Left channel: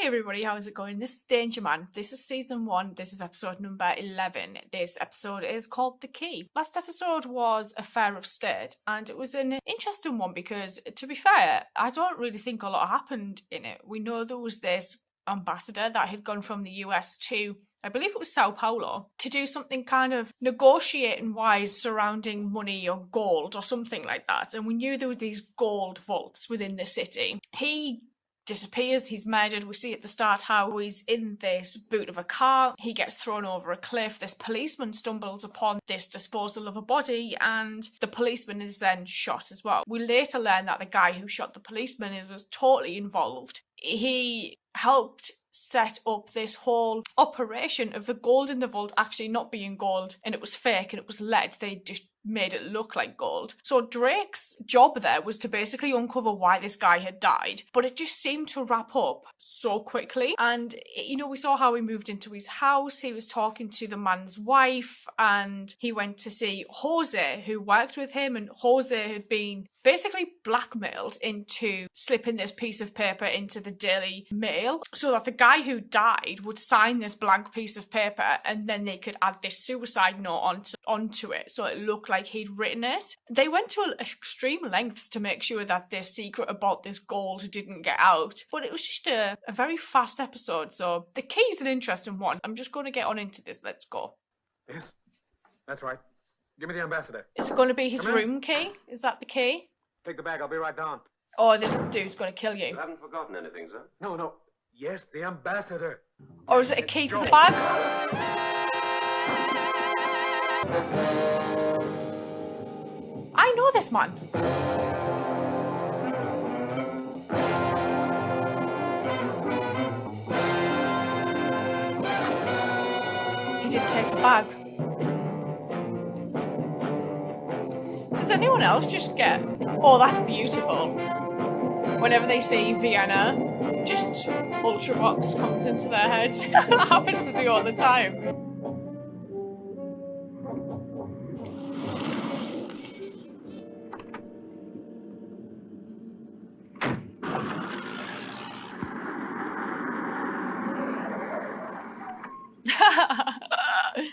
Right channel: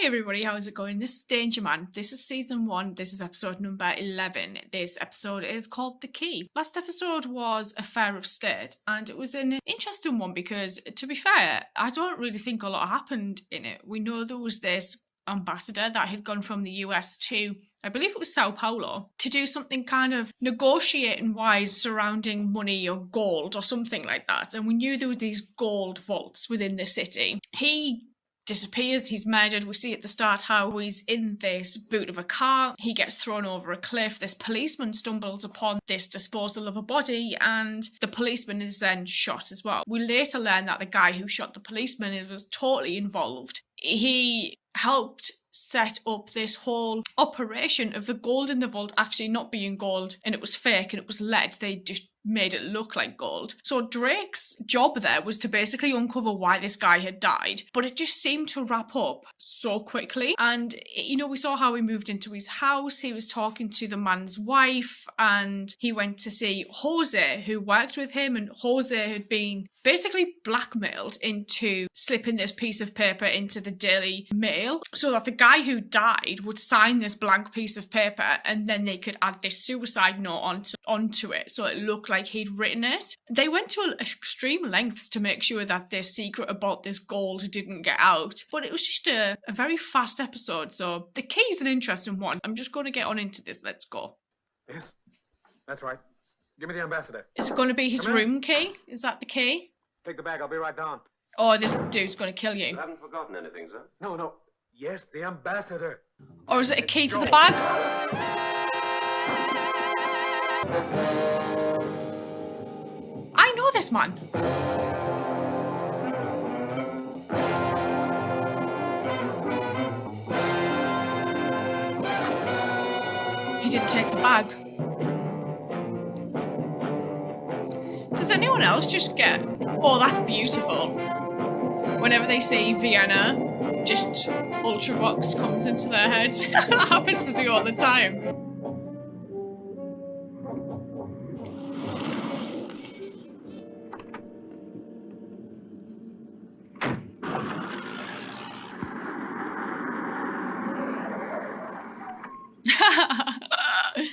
Hey everybody, how's it going? This is Danger Man. This is season 1. This is episode number 11. This episode is called The Key. Last episode was Affair of State, and it was an interesting one because, to be fair, I don't really think a lot happened in it. We know there was this ambassador that had gone from the US to, I believe it was Sao Paulo, to do something kind of negotiating wise surrounding money or gold or something like that. And we knew there were these gold vaults within the city. He disappears, he's murdered. We see at the start how he's in this boot of a car, he gets thrown over a cliff, this policeman stumbles upon this disposal of a body, and the policeman is then shot as well. We later learn that the guy who shot the policeman was totally involved. He helped set up this whole operation of the gold in the vault actually not being gold, and it was fake and it was lead. They just made it look like gold. So Drake's job there was to basically uncover why this guy had died, but it just seemed to wrap up so quickly. And you know, we saw how he moved into his house, he was talking to the man's wife, and he went to see Jose, who worked with him, and Jose had been basically blackmailed into slipping this piece of paper into the Daily Mail so that the guy who died would sign this blank piece of paper, and then they could add this suicide note onto it so it looked like he'd written it. They went to extreme lengths to make sure that this secret about this gold didn't get out, but it was just a very fast episode. So the key is an interesting one. I'm just going to get on into this. Let's go. Yes, that's right. Give me the ambassador. Is it going to be his room key? Is that the key? Take the bag, I'll be right down. Or this dude's going to kill you? You haven't forgotten anything, sir? No. Yes, the ambassador. Or is it a key to the bag? I know this man. He did take the bag. Does anyone else just get, oh, that's beautiful? Whenever they see Vienna, just Ultravox comes into their head. That happens with me all the time.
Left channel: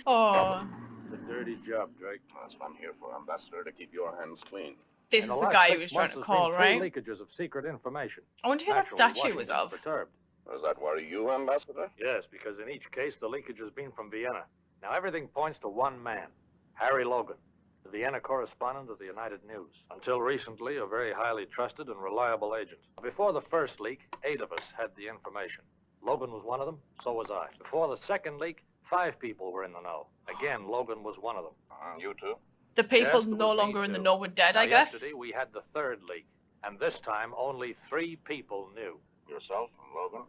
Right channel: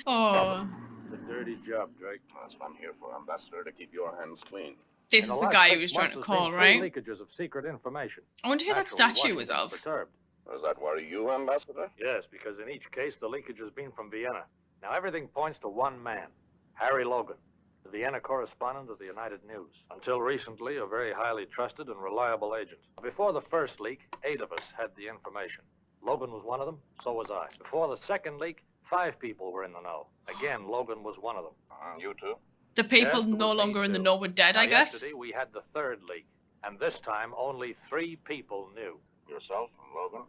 Oh. It's a dirty job, Drake. That's what I'm here for, Ambassador, to keep your hands clean. This is the guy who was trying to call, right? Leakages of secret information. I wonder who that statue was of. Perturbed. Does that worry you, Ambassador? Yes, because in each case the leakage has been from Vienna. Now everything points to one man, Harry Logan, the Vienna correspondent of the United News. Until recently, a very highly trusted and reliable agent. Before the first leak, 8 of us had the information. Logan was one of them, so was I. Before the second leak, 5 people were in the know. Again, Logan was one of them. You too? The people Yes, no longer in the know were dead, Now, I guess. Yesterday we had the third leak, and this time only 3 people knew. Yourself and Logan?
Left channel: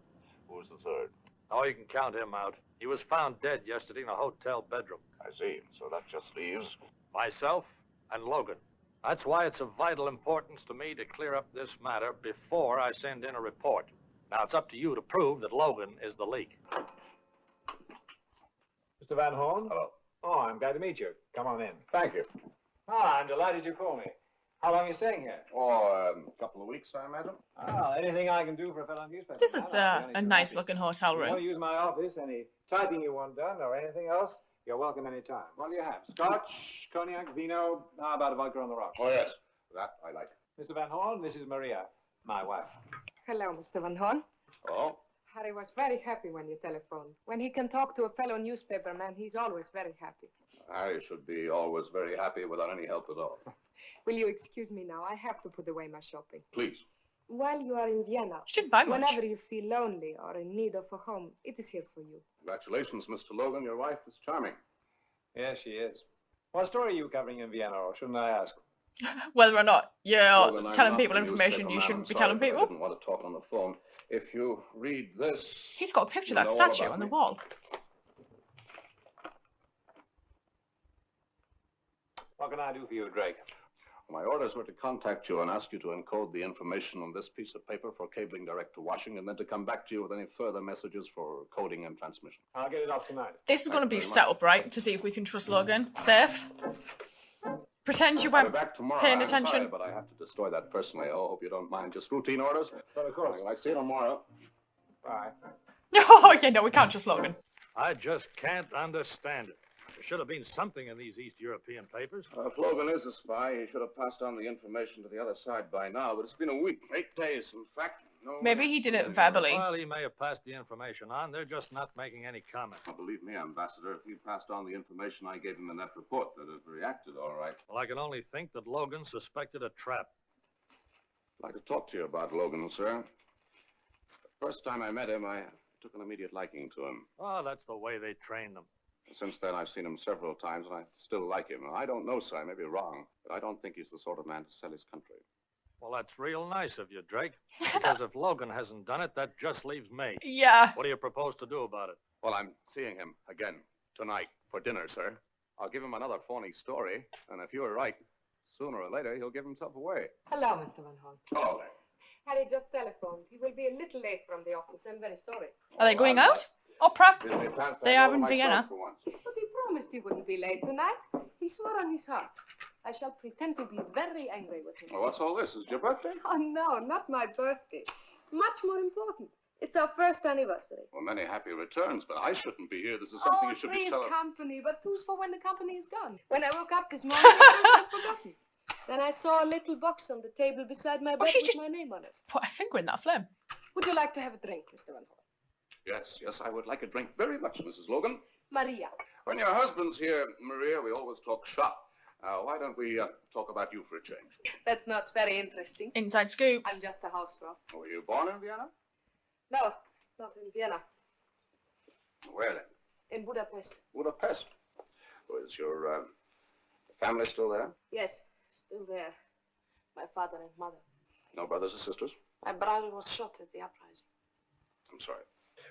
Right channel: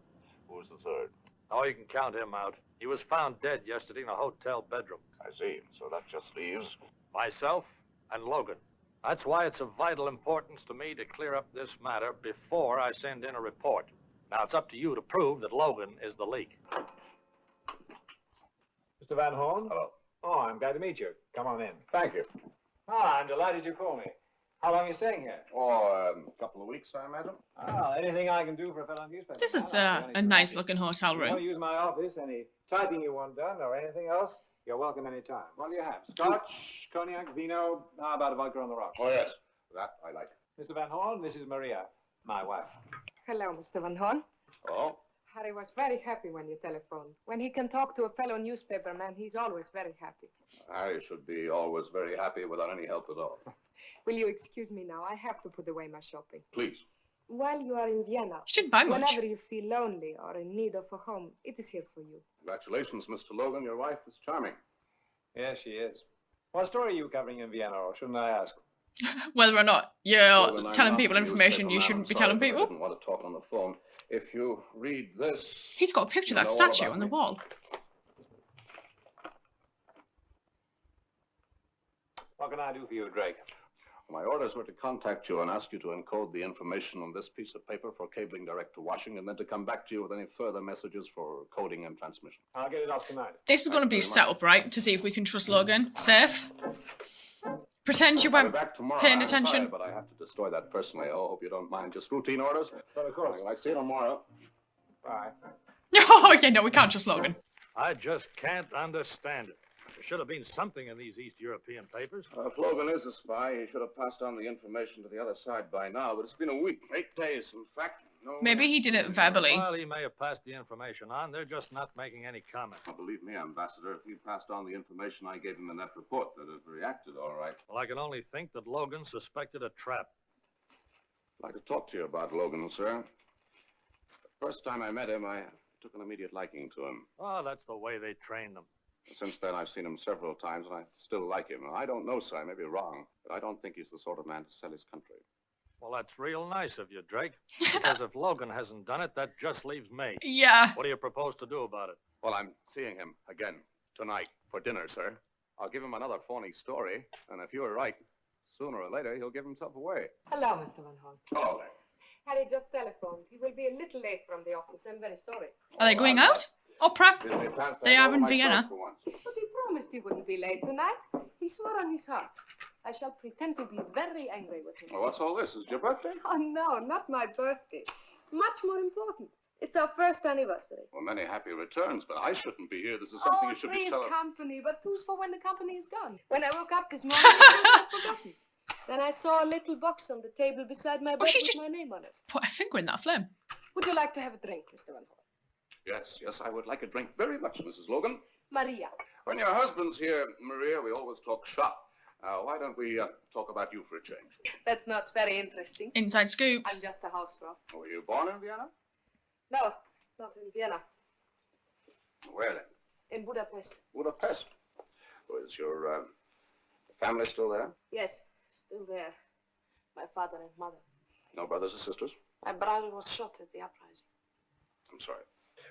Who was the third? Oh, you can count him out. He was found dead yesterday in a hotel bedroom. I see. So that just leaves... Myself and Logan. That's why it's of vital importance to me to clear up this matter before I send in a report. Now, it's up to you to prove that Logan is the leak. Mr. Van Horn? Hello. Oh, I'm glad to meet you. Come on in. Thank you. Ah, I'm delighted you called me. How long are you staying here? Oh, a couple of weeks, I imagine. Ah, anything I can do for a fellow newspaper. This is man, I'll be only a too nice happy. looking hotel If you want room. to use my office, any typing you want done or anything else, you're welcome any time. What do you have? Scotch, cognac, vino? How about a vodka on the rocks? Oh, yes. That I like. Mr. Van Horn, this is Maria, my wife. Hello, Mr. Van Horn. Oh? Harry was very happy when you telephoned. When he can talk to a fellow newspaperman, he's always very happy. Harry should be always very happy without any help at all. Will you excuse me now? I have to put away my shopping. Please. While you are in Vienna, You shouldn't buy much. whenever you feel lonely or in need of a home, it is here for you. Congratulations, Mr. Logan. Your wife is charming. Yes, she is. What story are you covering in Vienna, or shouldn't I ask? Whether or not you're Logan, I'm telling not people the information newspaper you man, shouldn't I'm be sorry, telling but people. I didn't want to talk on the phone. If you read this... He's got a picture of you that know all statue about on the me. wall. What can I do for you, Drake? My orders were to contact you and ask you to encode the information on this piece of paper for cabling direct to Washington, and then to come back to you with any further messages for coding and transmission. I'll get it off tonight. This is going to be Thank you very set much. up, right? To see if we can trust Logan. Safe. Pretend you I'll be weren't back tomorrow. paying I'm sorry, attention. but I have to destroy that personally. I hope you don't mind. Just routine orders. Well, of course. I'll see you tomorrow. Bye. Oh, yeah, no, we can't trust Logan. I just can't understand it. There should have been something in these East European papers. If Logan is a spy, he should have passed on the information to the other side by now, but it's been a week, 8 days, in fact. No Maybe he did it reaction verbally. Well, he may have passed the information on. They're just not making any comment. Well, believe me, Ambassador, if he passed on the information I gave him in that report, they'd have reacted all right. Well, I can only think that Logan suspected a trap. I'd like to talk to you about Logan, sir. The first time I met him, I took an immediate liking to him. Oh, that's the way they train them. Since then, I've seen him several times, and I still like him. I don't know, sir, I may be wrong, but I don't think he's the sort of man to sell his country. Well, that's real nice of you, Drake. Because if Logan hasn't done it, that just leaves me. Yeah. What do you propose to do about it? Well, I'm seeing him again tonight for dinner, sir. I'll give him another phony story, and if you're right, sooner or later, he'll give himself away. Hello, Mr. Van Horn. Oh, Harry just telephoned. He will be a little late from the office. I'm very sorry. Are they going out? Opera? Disney pants They that are over in my Vienna. throat for once. But he promised he wouldn't be late tonight. He swore on his heart. I shall pretend to be very angry with him. Well, what's all this? Is it your birthday? Oh, no, not my birthday. Much more important. It's our first anniversary. Well, many happy returns, but I shouldn't be here. This is something you should be three's celebrating. company, but who's for when the company is gone? When I woke up this morning, I was forgotten. Then I saw a little box on the table beside my bed she with just- my name on it. Put a finger in that flame. Would you like to have a drink, Mr. Van Horn? Yes, I would like a drink very much, Mrs. Logan. Maria. When your husband's here, Maria, we always talk shop. Why don't we talk about you for a change? That's not very interesting. Inside scoop. I'm just a housegirl. Were you born in Vienna? No, not in Vienna. Where then? In Budapest. Budapest. Oh, is your family still there? Yes, still there. My father and mother. No brothers or sisters? My brother was shot at the uprising. I'm sorry.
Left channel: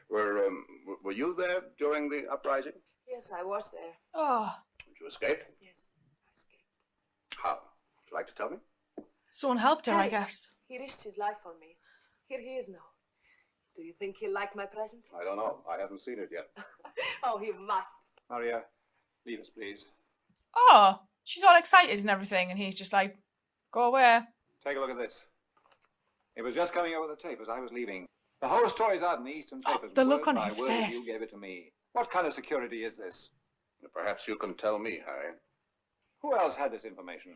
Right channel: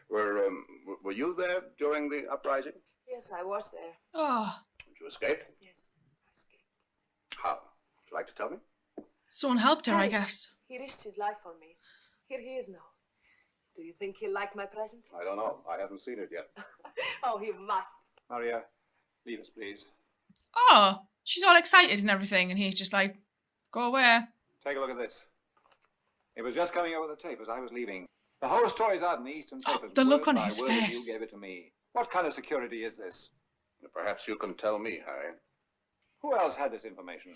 Were you there during the uprising? Yes, I was there. Oh, Did you escape? Yes, I escaped. How? Would you like to tell me? someone helped her, I Harry, guess. He risked his life for me. Here he is now. Do you think he'll like my present? I don't know. I haven't seen it yet. Oh, he must. Maria, leave us, please. Oh, she's all excited and everything, and he's just like, go away. Take a look at this. It was just coming over the tape as I was leaving. The whole story's out in the Eastern papers. the look word on by his word as face. You gave it to me. What kind of security is this? Perhaps you can tell me, Harry. Who else had this information?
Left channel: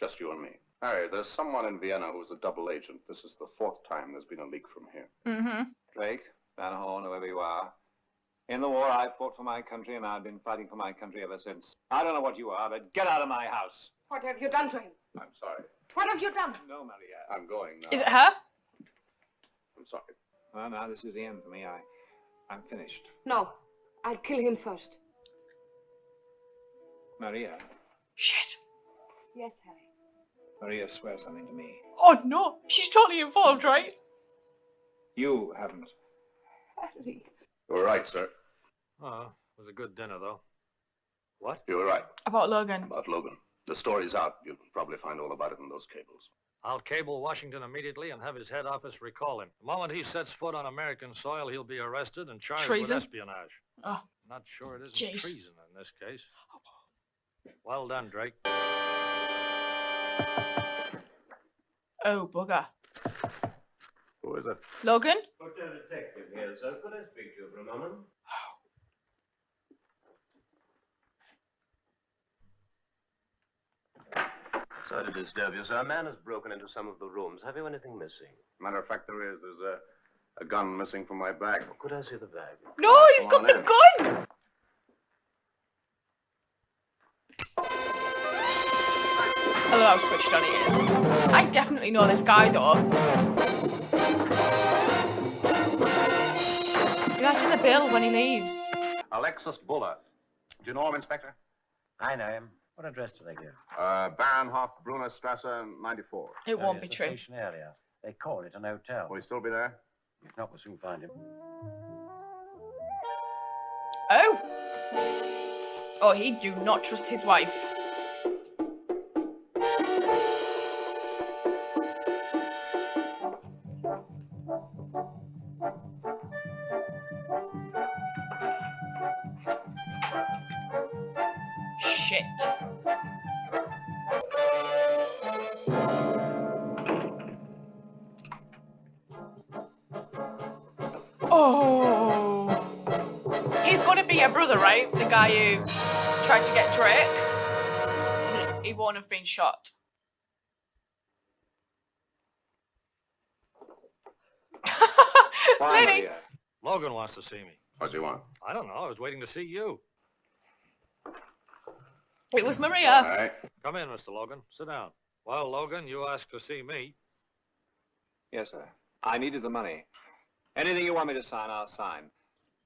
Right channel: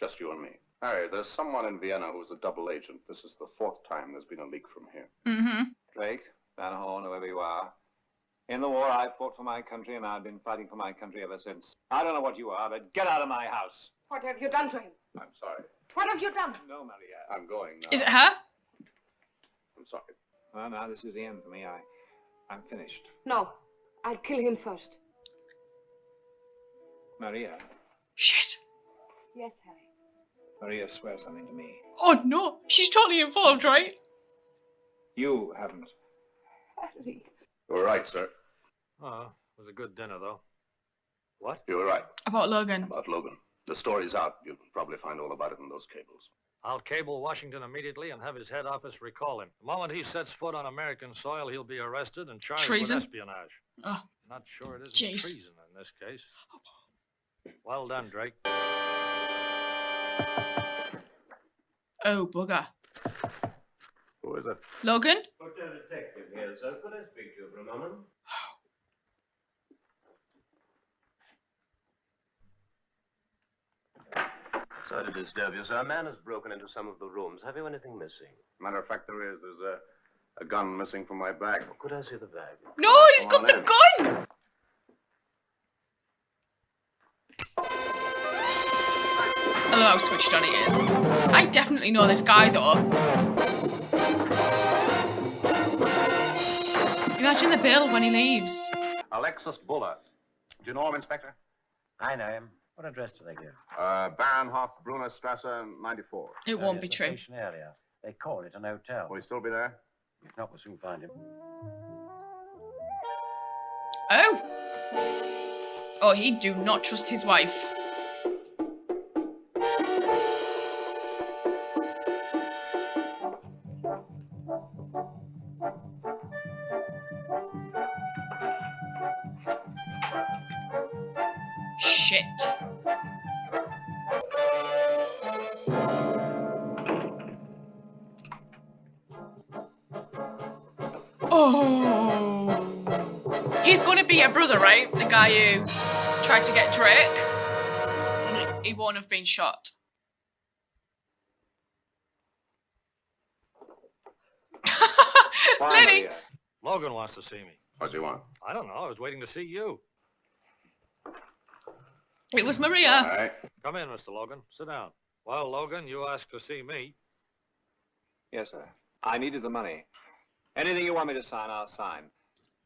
Just you and me. Harry, there's someone in Vienna who's a double agent. This is the 4th time there's been a leak from here. Mm-hmm. Drake, Van Horn, whoever you are. In the war, I fought for my country, and I've been fighting for my country ever since. I don't know what you are, but get out of my house. What have you done to him? I'm sorry. What have you done? No, Maria. I'm going now. Is it her? I'm sorry. Well, now this is the end for me. I'm finished. No, I'll kill him first. Maria. Shit. Yes, Harry. Maria, swear something to me. Oh no, she's totally involved, right? You haven't. Harry. You were right, sir. Oh, it was a good dinner, though. What? You were right About Logan. about Logan. The story's out. You'll probably find all about it in those cables. I'll cable Washington immediately and have his head office recall him. The moment he sets foot on American soil, he'll be arrested and charged Treason? with espionage. Oh, Not sure it isn't Jeez. treason in this case. Well done, Drake. oh bugger. Who is it? Logan? Hotel detective here, sir. Could I speak to you for a moment? Sorry to disturb you, sir. A man has broken into some of the rooms. Have you anything missing? Matter of fact, there is. There's a gun missing from my bag. Could I see the bag? No, he's Come got on the in. gun! I don't know how switched on it is. I definitely know this guy, though. Imagine the bill when he leaves. Alexis Buller. Do you know him, Inspector? I know him. What address do they give? Baronhof, Brunner Strasse, 94. It won't be true. Station area. They call it an hotel. Will he still be there? If not, we'll soon find him. Oh! Oh, he do not trust his wife. Shit. Oh. He's going to be your brother, right? The guy who tried to get Drake. And he won't have been shot. Why, Lenny. Maria? Logan wants to see me. What do you want? I don't know. I was waiting to see you. It was Maria. All right. Come in, Mr. Logan. Sit down. Well, Logan, you asked to see me. Yes, sir. I needed the money. Anything you want me to sign, I'll sign.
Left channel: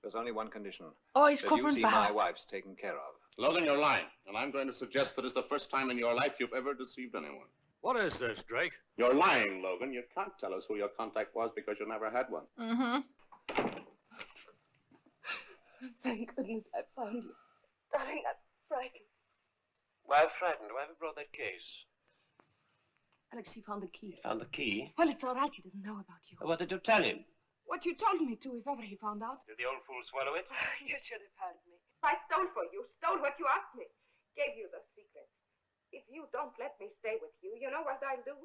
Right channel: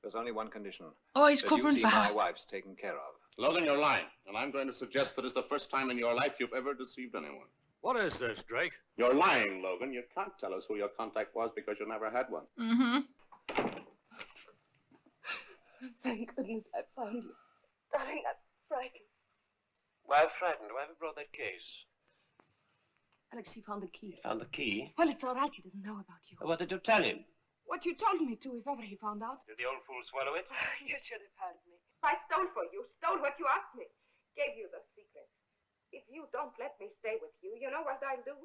There's only one condition. Oh, he's that covering you see for my her. wife's taken care of. Logan, you're lying. And I'm going to suggest that it's the first time in your life you've ever deceived anyone. What is this, Drake? You're lying, Logan. You can't tell us who your contact was because you never had one. Mm-hmm. Thank goodness I found you. Darling, I'm frightened. Why frightened? Why have you brought that case? Alex, he found the key. Found the key? Well, it's all right. He doesn't know about you. What did you tell him? What you told me to, if ever he found out. Did the old fool swallow it? You should have heard me. I stole for you. Stole what you asked me. Gave you the secret. If you don't let me stay with you, you know what I'll do?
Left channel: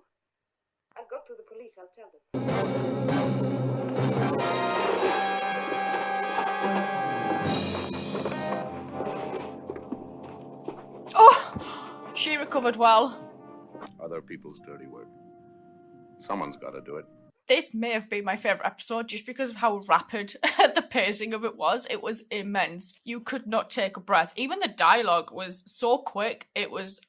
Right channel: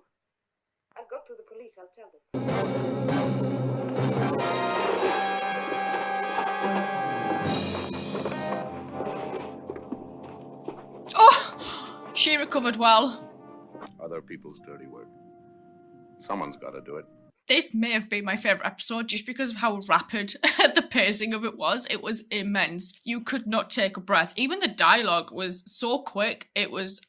I'll go to the police. I'll tell them. Oh, she recovered well. Other people's dirty work. Someone's got to do it. This may have been my favourite episode just because of how rapid the pacing of it was. It was immense. You could not take a breath. Even the dialogue was so quick. It was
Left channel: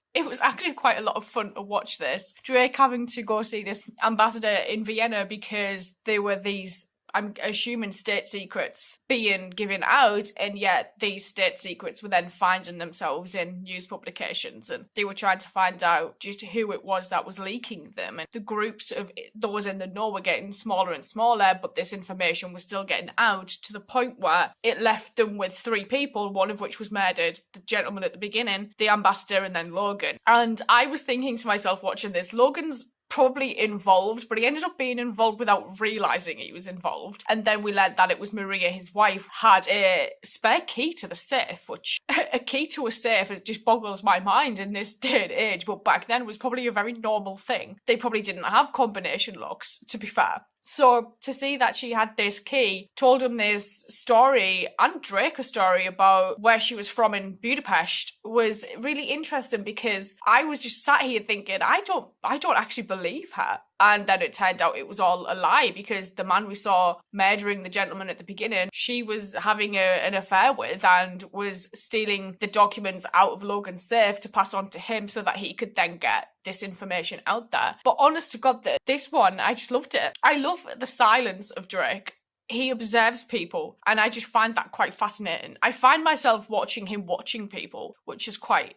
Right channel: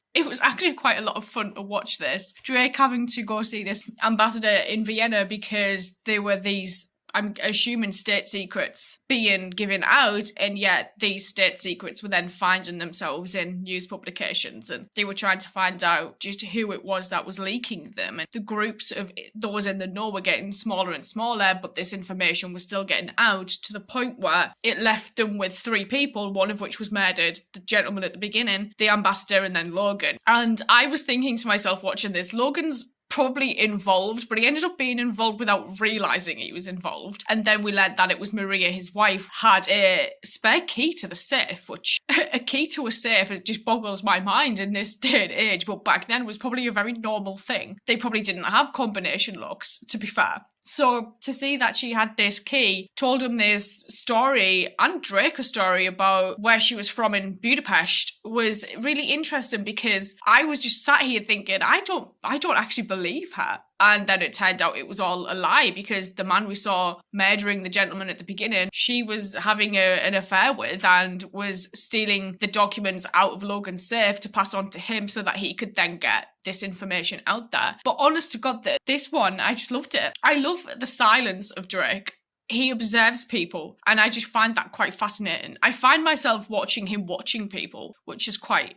actually quite a lot of fun to watch this. Drake having to go see this ambassador in Vienna because there were these, I'm assuming, state secrets being given out, and yet these state secrets were then finding themselves in news publications, and they were trying to find out just who it was that was leaking them, and the groups of those in the know were getting smaller and smaller, but this information was still getting out to the point where it left them with 3 people, one of which was murdered, the gentleman at the beginning, the ambassador, and then Logan. And I was thinking to myself watching this, Logan's probably involved, but he ended up being involved without realising he was involved. And then we learned that it was Maria, his wife, had a spare key to the safe, which a key to a safe, it just boggles my mind in this day and age, but back then was probably a very normal thing. They probably didn't have combination locks, to be fair. So to see that she had this key, told him this story, and Drake a story about where she was from in Budapest, was really interesting, because I was just sat here thinking, I don't actually believe her. And then it turned out it was all a lie, because the man we saw murdering the gentleman at the beginning, she was having an affair with and was stealing the documents out of Logan's safe to pass on to him so that he could then get this information out there. But honest to God, this one, I just loved it. I love the silence of Drake. He observes people, and I just find that quite fascinating. I find myself watching him watching people, which is quite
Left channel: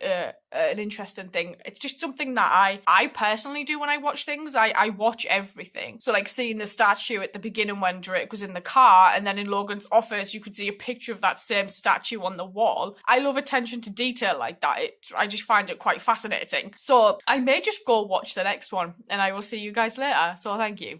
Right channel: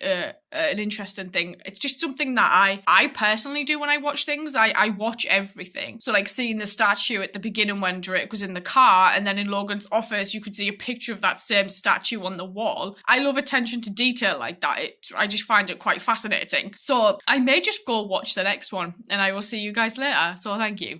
an interesting thing. It's just something that I personally do when I watch things. I watch everything. So like seeing the statue at the beginning when Drake was in the car, and then in Logan's office you could see a picture of that same statue on the wall. I love attention to detail like that. I just find it quite fascinating. So I may just go watch the next one, and I will see you guys later. So thank you.